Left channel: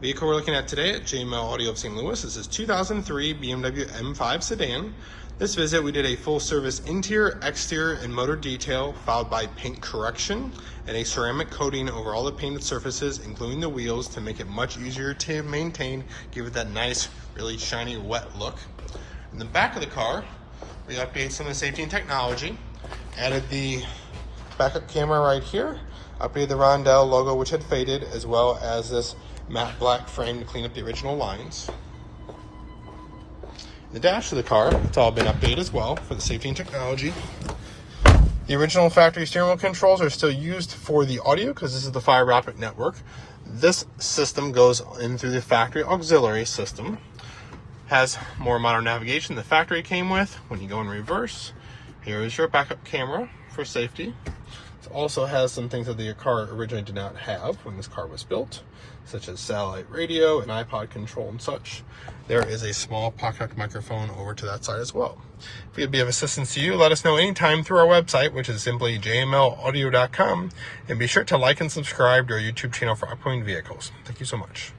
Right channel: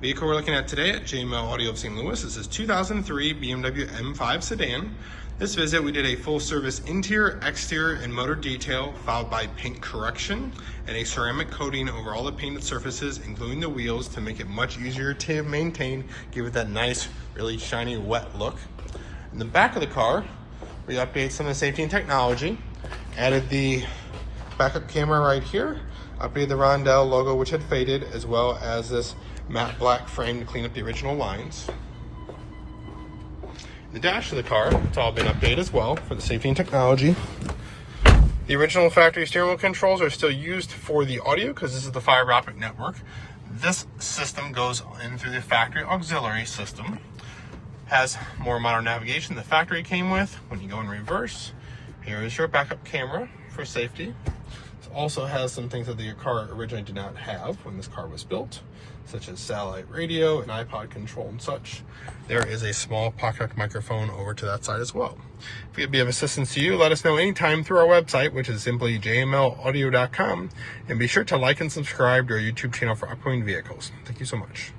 Vehicle we're looking at today at JML Audio of St. Louis is this 2003 BMW M5 sedan. This visit, we did a full service interior, exterior, and motor detail, followed by paint correction and a ceramic coating over all the painted surfaces, including the wheels, to make it much easier to maintain, give it that nice, really shiny, wet look. In the back of the car, we updated some of the safety and technology, added the backup camera right here, updated the Rondel logo, which had faded, as well as this matte black frame to clean up the original lines. The dash of the car, it's all been updated as well for the safety and technology. The original factory steering wheel controls are still used for the audio because this is the fiber optic network. This system goes in through the factory auxiliary system. Has more modern navigation the factory came with. When you go in reverse, here is your backup camera for safety. It also has some things that the car originally did not have when this car was built, such as satellite radio and iPod control and such. There is a small pocket microphone over to that side as well. If we could be of assistance to you, let us know anytime through our website, which is simply jmlaudio.com, and be sure to like and subscribe to our YouTube channel for upcoming vehicles. Thank you so much.